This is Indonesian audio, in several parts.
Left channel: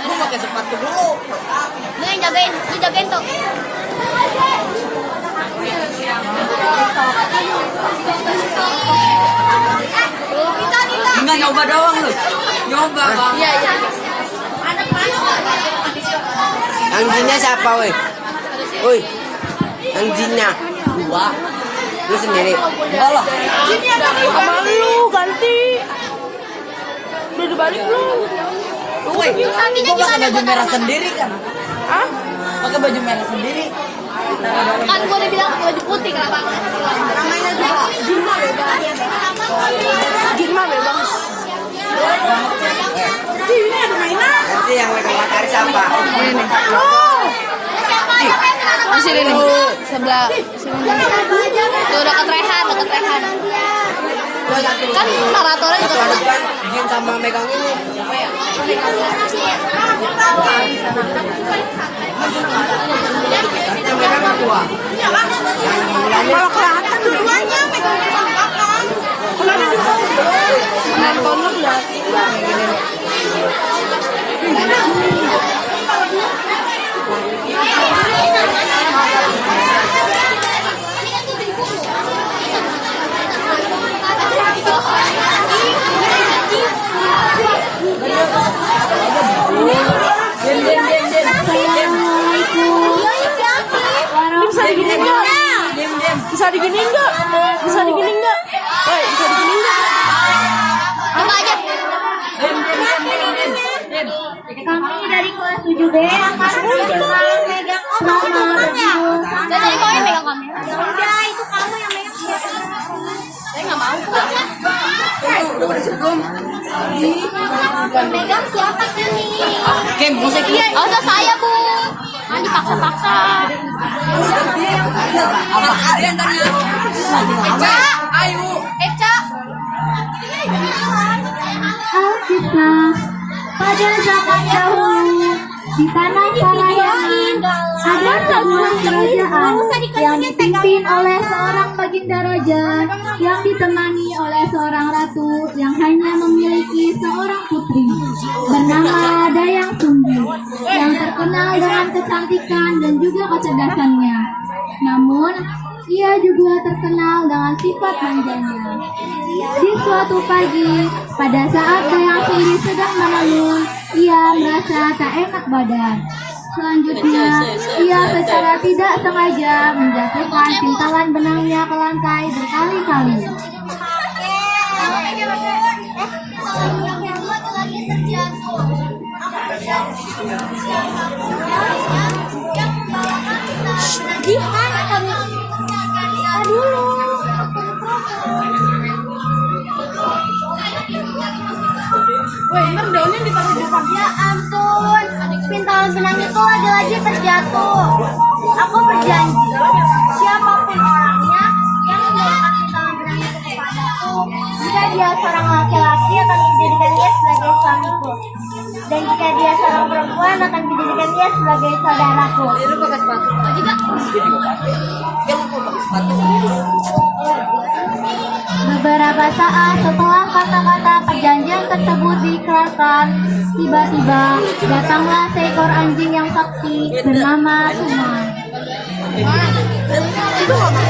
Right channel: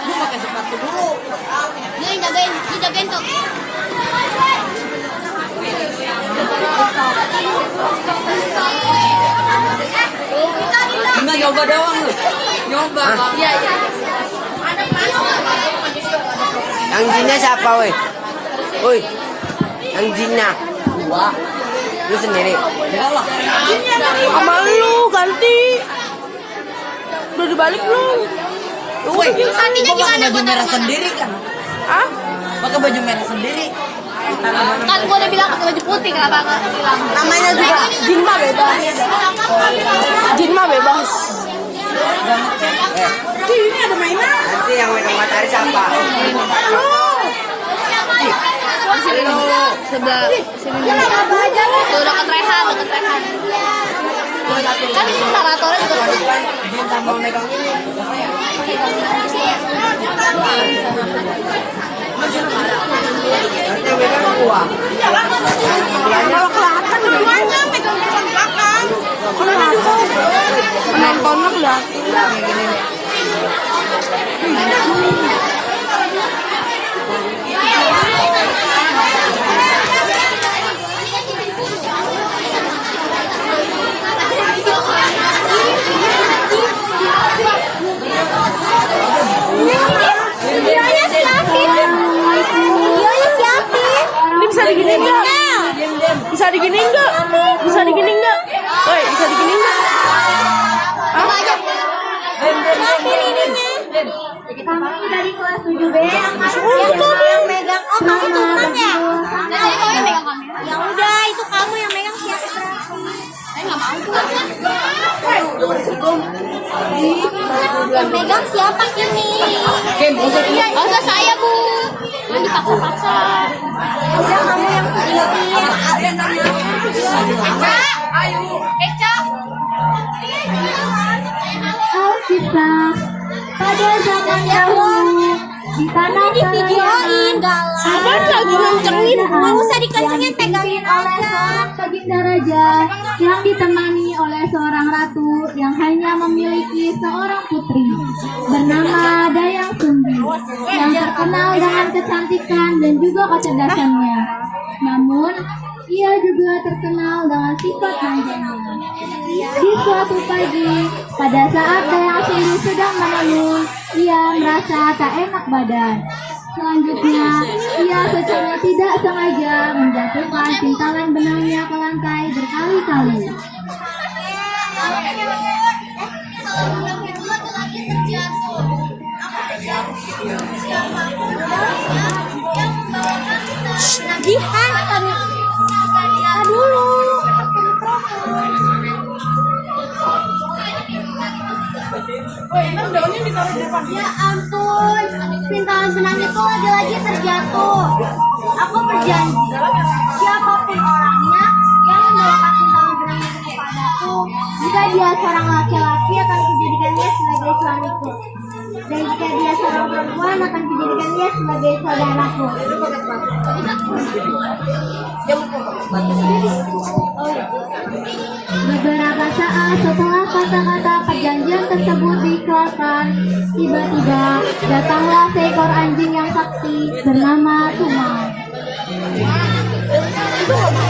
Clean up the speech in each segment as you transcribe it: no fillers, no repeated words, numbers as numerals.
Ini pakai sepatu dulu. Nih jagain tuh. Cuma nyoba doang lu. Nyoba. Iya. Yang jinnya siapa, woi? Woi, yang jinnya. Dua. Lu sendiri. Enggak lah. Sama lu ganti. Udah dibalik belum? Woi, Sapinya gua pakai gimana? baju merah sendiri kan? Hah? Pakai baju merah sendiri. Kan gue udah bilang baju putih, kenapa aku bilang? Namanya juga Jinma bebas. Jinma bebas. Ini ada mainan. Nanti yang megang matahari siapa? Masih ini sebelah sini. Tuh dekat Rehan. Kan naratornya Satu juga. lagi kan Jin sama megang ini. Nanti yang megang gua. Malah kelihatan duluannya megang depan belakang. Bulannya di nontonnya ya. Yang gini nih. Bisa diginiin nggak? Bisa diginiin nggak? Woi, bisa diginiin nggak? Apa aja? Kami dari kelas 7B angkatan yang megang temennya. Jadi kau yang megang kamera. Ya udah, itu kamu yang megang siapa? Saya nggak mau. Megang siapa kami? Kim, musik. Nggak usah saya bu. Jangan dipaksa-paksa. Eca. Alkisah pada zaman dahulu di tanah Parayangan ada sebuah kerajaan yang dipimpin oleh seorang baginda raja yang ditemani oleh seorang ratu yang hanya memiliki seorang putri bernama Dayang Sumbi yang terkenal dengan kecantikan dan juga kecerdasannya. Namun ia juga terkenal dengan sifat manjanya. Di suatu pagi, pada saat Dayang Sumbi sedang menenun, ia merasa tak enak badan. Selanjutnya, ia secara tidak sengaja menjatuhkan pintalan benangnya ke lantai berkali-kali. Ya ampun, pintalan benang itu lagi-lagi terjatuh. Aku berjanji, siapapun orangnya yang membawakan pintalan benang itu kepadaku, jika dia seorang laki-laki akan kujadikan dia sebagai suamiku, dan jika dia seorang perempuan akan kujadikan dia sebagai saudaraku. Beberapa saat setelah kata-kata perjanjian tersebut diikrarkan, tiba-tiba datanglah seekor anjing yang sakti bernama Tuma. Itu nggak mau.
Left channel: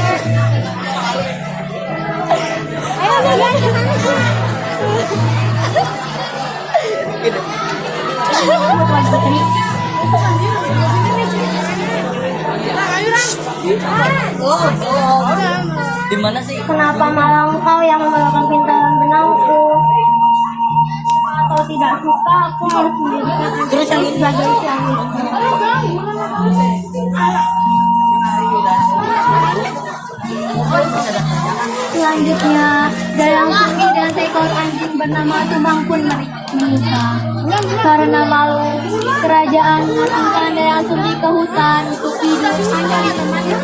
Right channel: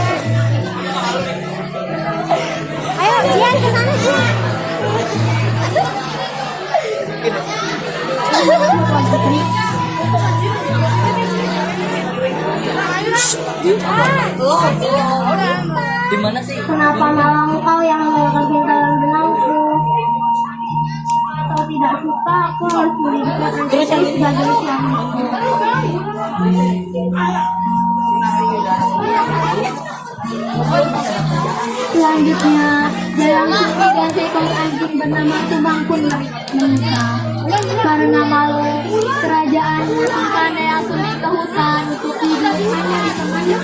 Ayo lihat di sana. Di mana sih? Kenapa malah engkau yang membawakan pintalan benangku? Atau tidak suka aku harus menjadikan anjing sebagai suamiku? Selanjutnya, Dayang Sumbi dan seekor anjing bernama Tumang pun menikah. Karena malu, kerajaan mengirimkan Dayang Sumbi ke hutan untuk hidup mencari temannya.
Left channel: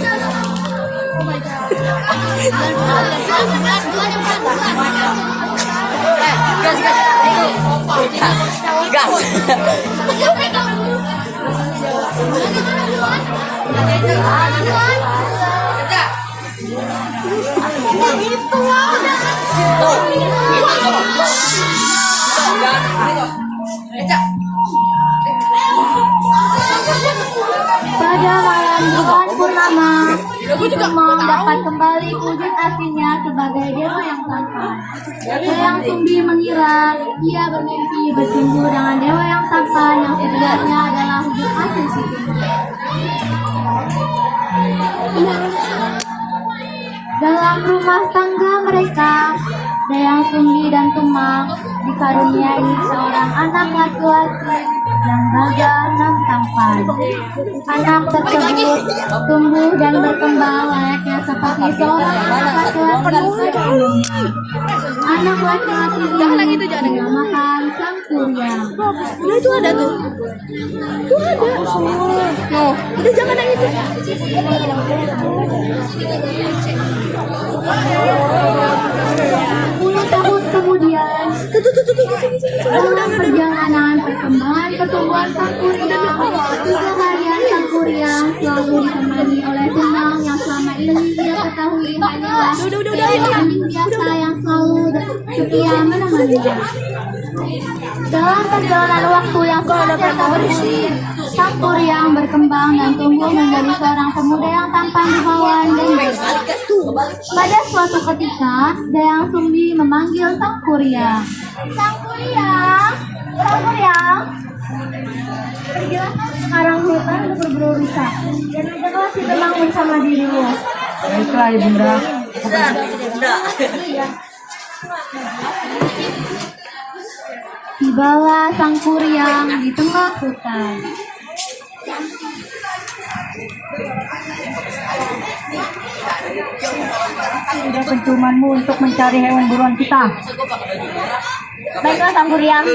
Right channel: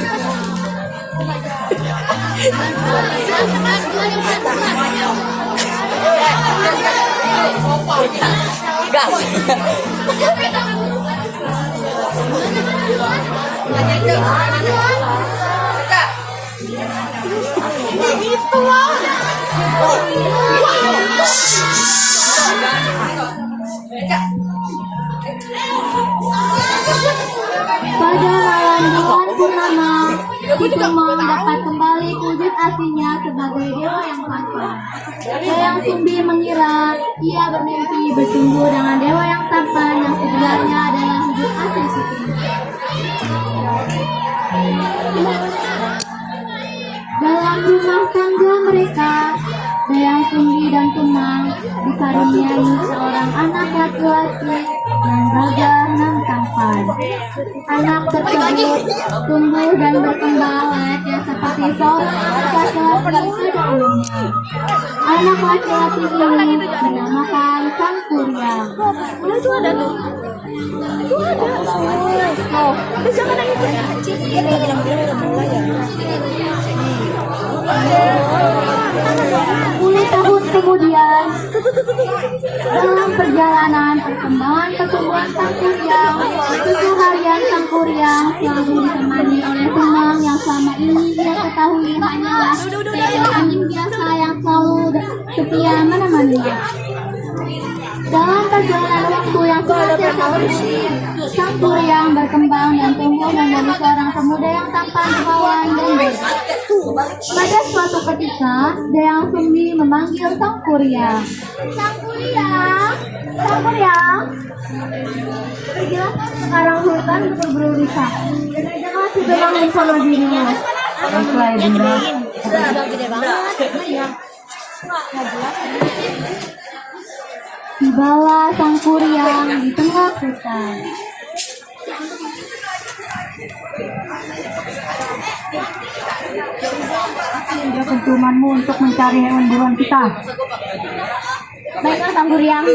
Gas. Itu loh. Tumang dapat kembali wujud aslinya sebagai dewa yang tampan. Dayang Sumbi mengira ia bermimpi bertumbuh dengan dewa yang tampan yang sebenarnya adalah wujud asli si Tumang. Dalam rumah tangga mereka, Dayang Sumbi dan Tumang dikaruniai seorang anak laki-laki yang gagah dan tampan. Anak tersebut tumbuh dan berkembang layaknya seperti seorang anak laki-laki sebelumnya. Anak laki-laki ini dinamakan Sang Kuryang. Itu ada tuh. Itu ada. Oh, itu jangan yang itu. 10 tahun kemudian, dalam perjalanan perkembangan pertumbuhan Sang Kuryang, keseharian Sang Kuryang selalu ditemani oleh Tumang yang selama ini ia ketahui hanyalah seorang anjing biasa yang selalu setia menemaninya. Dalam perjalanan waktu yang Sang Kuryang berkembang dan tumbuh menjadi seorang pemuda yang tampan dermawan dan baik. Pada suatu ketika, Dayang Sumbi memanggil Sang Kuryang. Sang Kuryang, Sang Kuryang, pergilah kau sekarang hutan untuk berburu rusa dan ajaklah si Tumang bersama dirimu. Baiklah ya bunda. Tibalah Sang Kuryang di tengah hutan. Sudah perjuanganmu untuk mencari hewan buruan kita. Baiklah Sang Kuryang.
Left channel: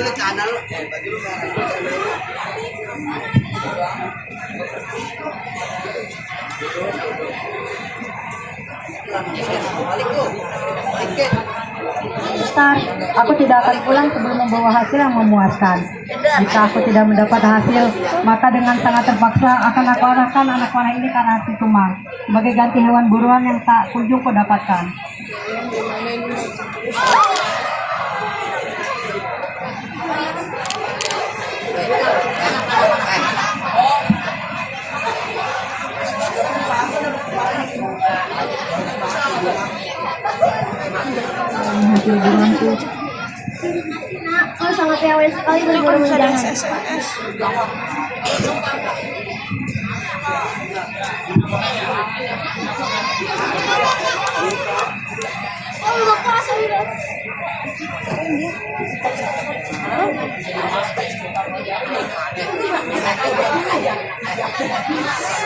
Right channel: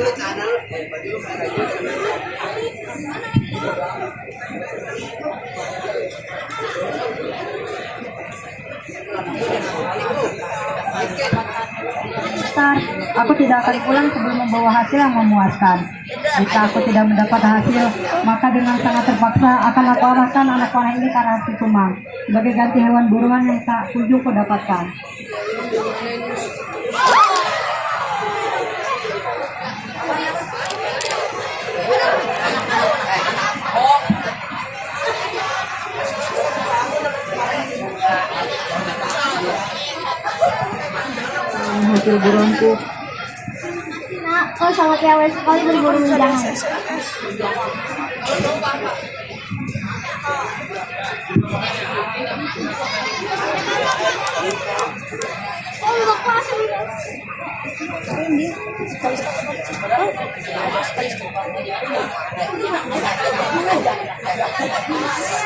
Ustaz, aku tidak akan pulang sebelum membawa hasil yang memuaskan. Jika aku tidak mendapat hasil, maka dengan sangat terpaksa akan aku arahkan anak panah ini ke arah si Tumang sebagai ganti hewan buruan yang tak kunjung ku dapatkan. Hasil buruanku. Nak, kau sangat rewel sekali berburu jangan.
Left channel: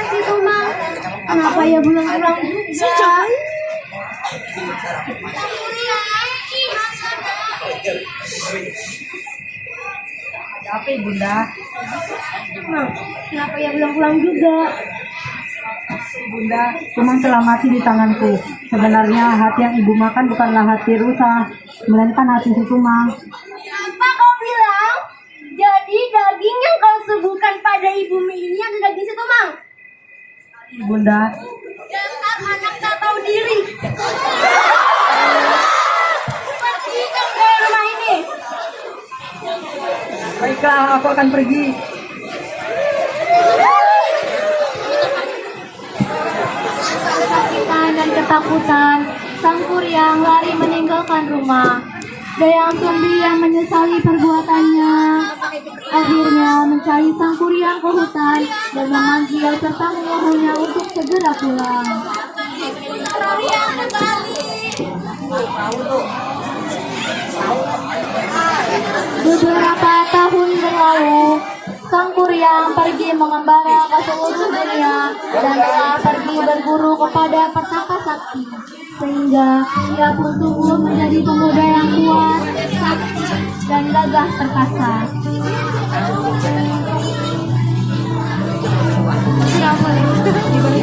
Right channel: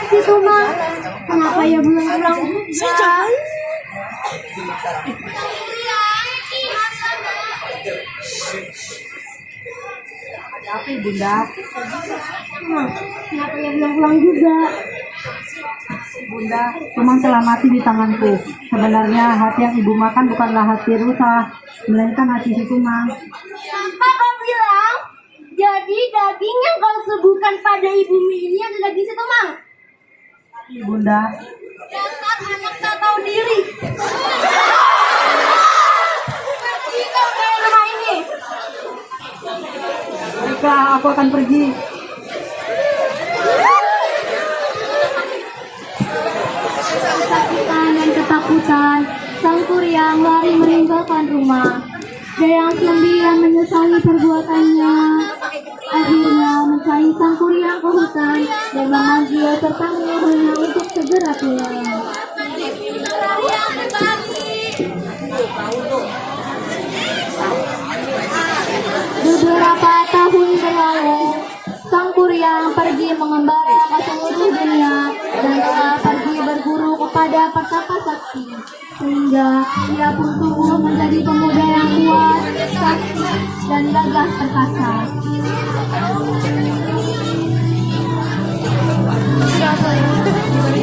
Si Tumang, kenapa ya pulang-pulang? Apa bunda? Kenapa ya pulang-pulang juga? Bunda, Tumang telah mati di tanganku. Sebenarnya hati yang ibu makan bukanlah hati rusa, melainkan hati si Tumang. Apa kau bilang? Jadi daging yang kau suguhkan pada ibumu ini adalah daging si Tumang? Bunda, Dasar anak tak tahu diri. Pergi kau dari rumah ini. baiklah aku akan pergi. Kesakitan dan ketakutan, Sang Kuryang lari meninggalkan rumah. Dayang Sumbi yang menyesali perbuatannya akhirnya mencari Sang Kuryang ke hutan dan memanggil serta menyuruhnya untuk segera pulang. Beberapa tahun berlalu, Sang Kuryang pergi mengembara ke seluruh dunia dan telah pergi berburu kepada petaka sakti, sehingga ia pun tumbuh menjadi pemuda yang kuat, sakti, dan gagah perkasa.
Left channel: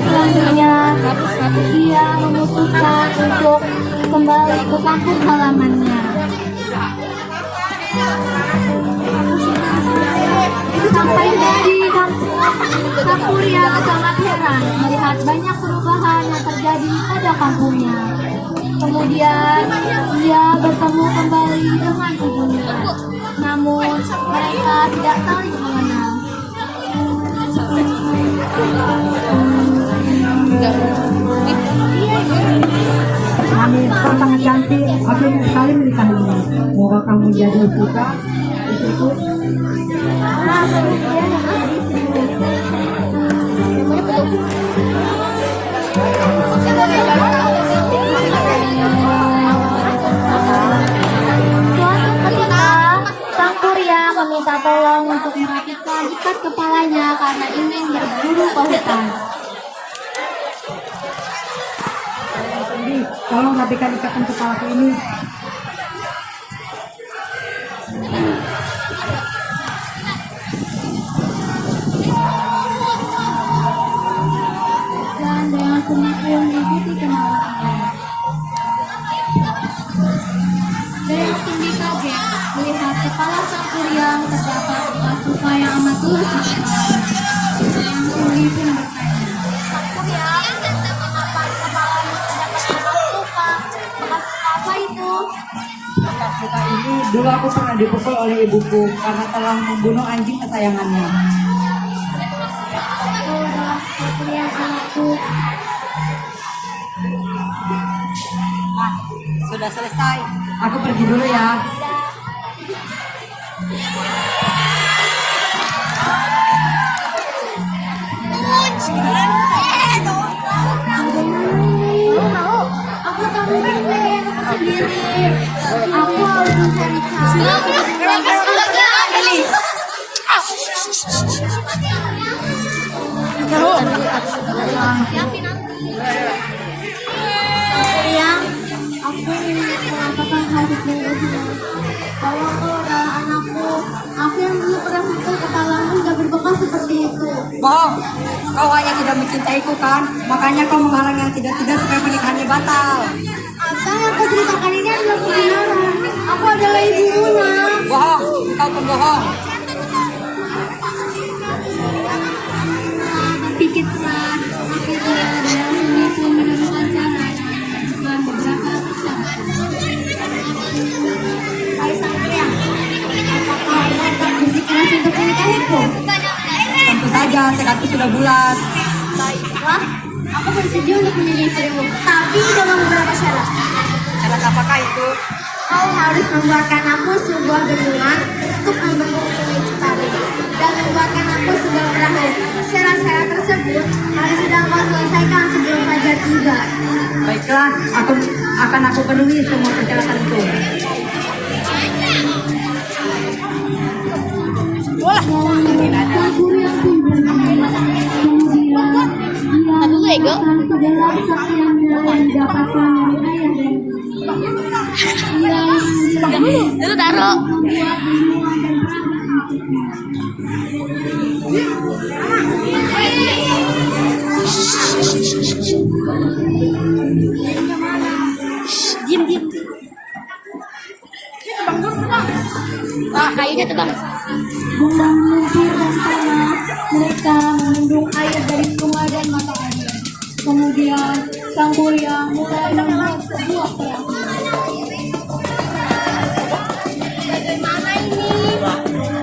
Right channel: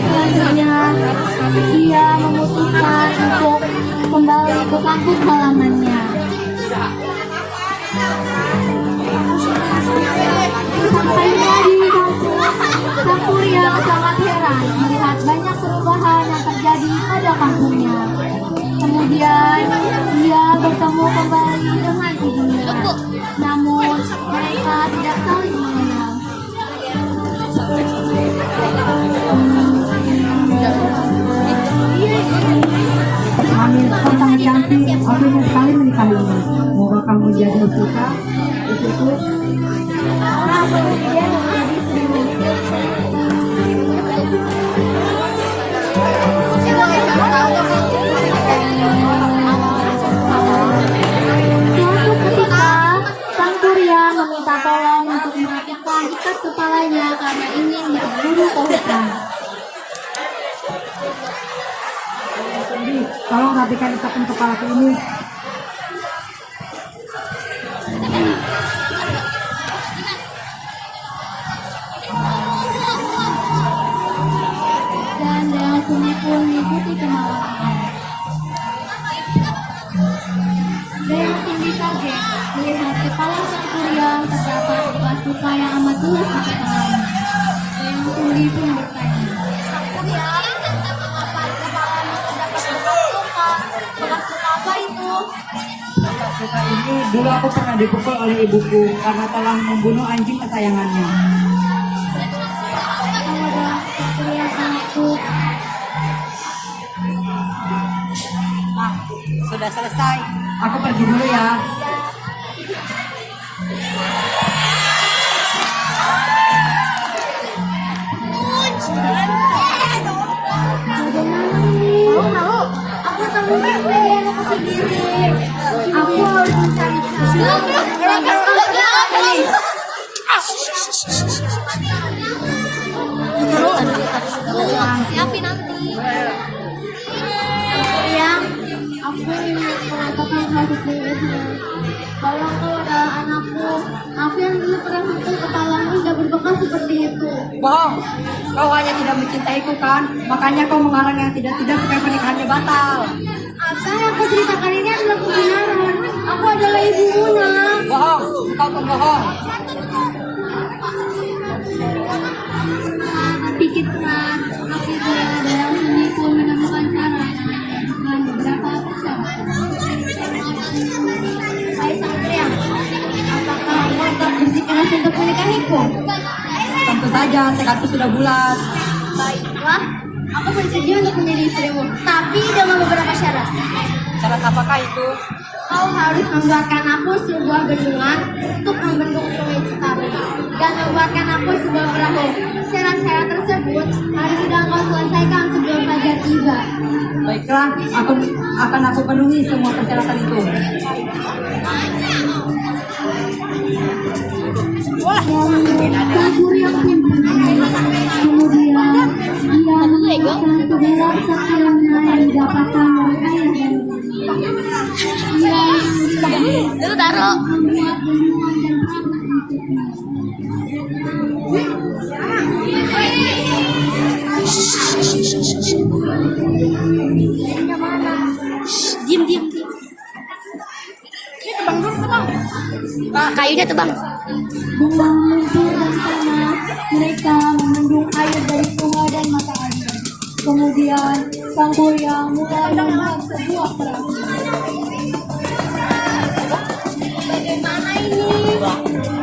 Selanjutnya, ia memutuskan untuk kembali ke kampung halamannya. Sampai di kampung, Sang Kuryang sangat heran melihat banyak perubahan yang terjadi pada kampungnya. Kemudian ia bertemu kembali dengan ibunya. Namun menjadi kita itu Suatu ketika, Sang Surya meminta tolong untuk merapikan ikat kepalanya karena ingin berburu ke hutan. tolong rapikan ikatan kepalaku ini. Dan dengan seni pun mengikuti kemauannya. Dewa Sindi kaget melihat kepala Sang Surya terdapat bekas luka yang amat luas di kepalanya. Dewa Sindi pun bertanya, Sang Surya, mengapa di kepalamu terdapat bekas luka? Bekas luka apa itu? Bekas luka ini dulu aku pernah dipukul oleh ibuku karena telah membunuh anjing kesayangannya. "Kau adalah Sang Surya, anakku." Nah, sudah selesai. Aku pergi dulu ya. Tahu, aku tak mungkin pengen aku sendiri. Aku harus mencari cara untuk Surya, aku ingin mengatakan hal sesungguhnya bahwa kau adalah anakku. Aku yang dulu pernah mukul kepalamu sudah berbekas seperti itu. Bohong, kau hanya tidak mencintaiku kan? Makanya kau menghalang yang tidak-tidak supaya pernikahannya batal. Apa yang kau ceritakan ini adalah kebenaran. Aku adalah ibumu, nak. Bohong, kau pembohong. Pikir keras, akhirnya Dewa Sindi pun menemukan cara dengan beberapa persyaratan. Hai Sang Surya, apakah kau tetap bersikeras untuk menikahiku? Tentu saja, tekadku sudah bulat. Baiklah, aku bersedia untuk menjadi istrimu, tapi dengan beberapa syarat. Syarat apakah itu? Kau harus membuatkan aku sebuah bendungan untuk membendung sungai Citarum dan membuatkan aku sebuah perahu. Syarat-syarat tersebut harus sudah kau selesaikan sebelum fajar tiba. Baiklah, akan aku penuhi semua persyaratan itu. Itu taruh. Diam. Kayunya tuh bang. Dengan lumpur dan tanah, mereka memendung air dari sungai dan mata air. Kemudian, Sang Surya mulai membuat sebuah perahu. Bagaimana ini?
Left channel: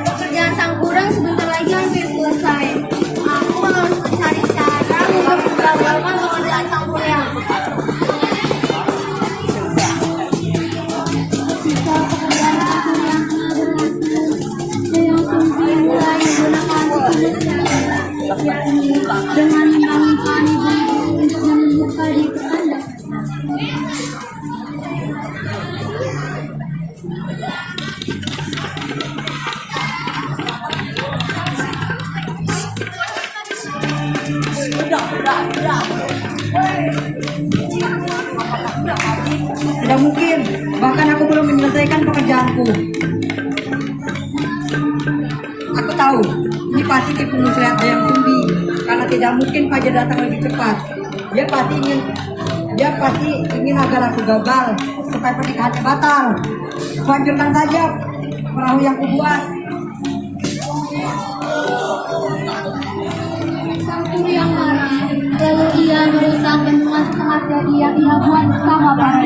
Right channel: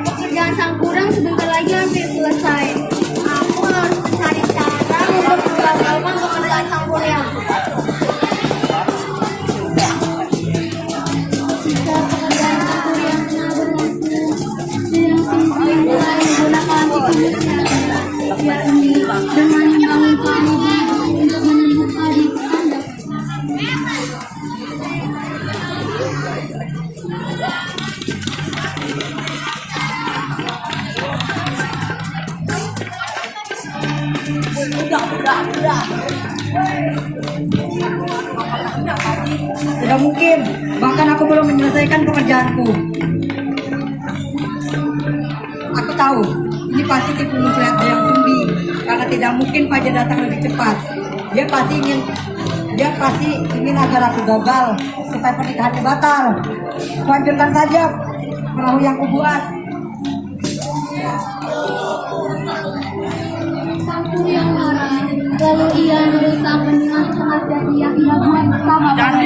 Pekerjaan Sang Surya sebentar lagi hampir selesai. Aku harus mencari cara untuk menggagalkan pekerjaan Sang Surya. Jika pekerjaan Sang Surya mulai menggunakan dengan mengambil untuk membuka di tanda. Apakah sudah pagi? Tidak mungkin. Bahkan aku belum menyelesaikan pekerjaanku. Aku tahu, ini pasti tipu muslihat yang Sumbi. Karena tidak mungkin Fajar datang lebih cepat. Dia pasti ingin agar aku gagal supaya pernikahannya batal. Hancurkan saja perahu yang kubuat. Sang Surya marah, lalu ia merusak bendungan setengah jadi yang ia buat bersama para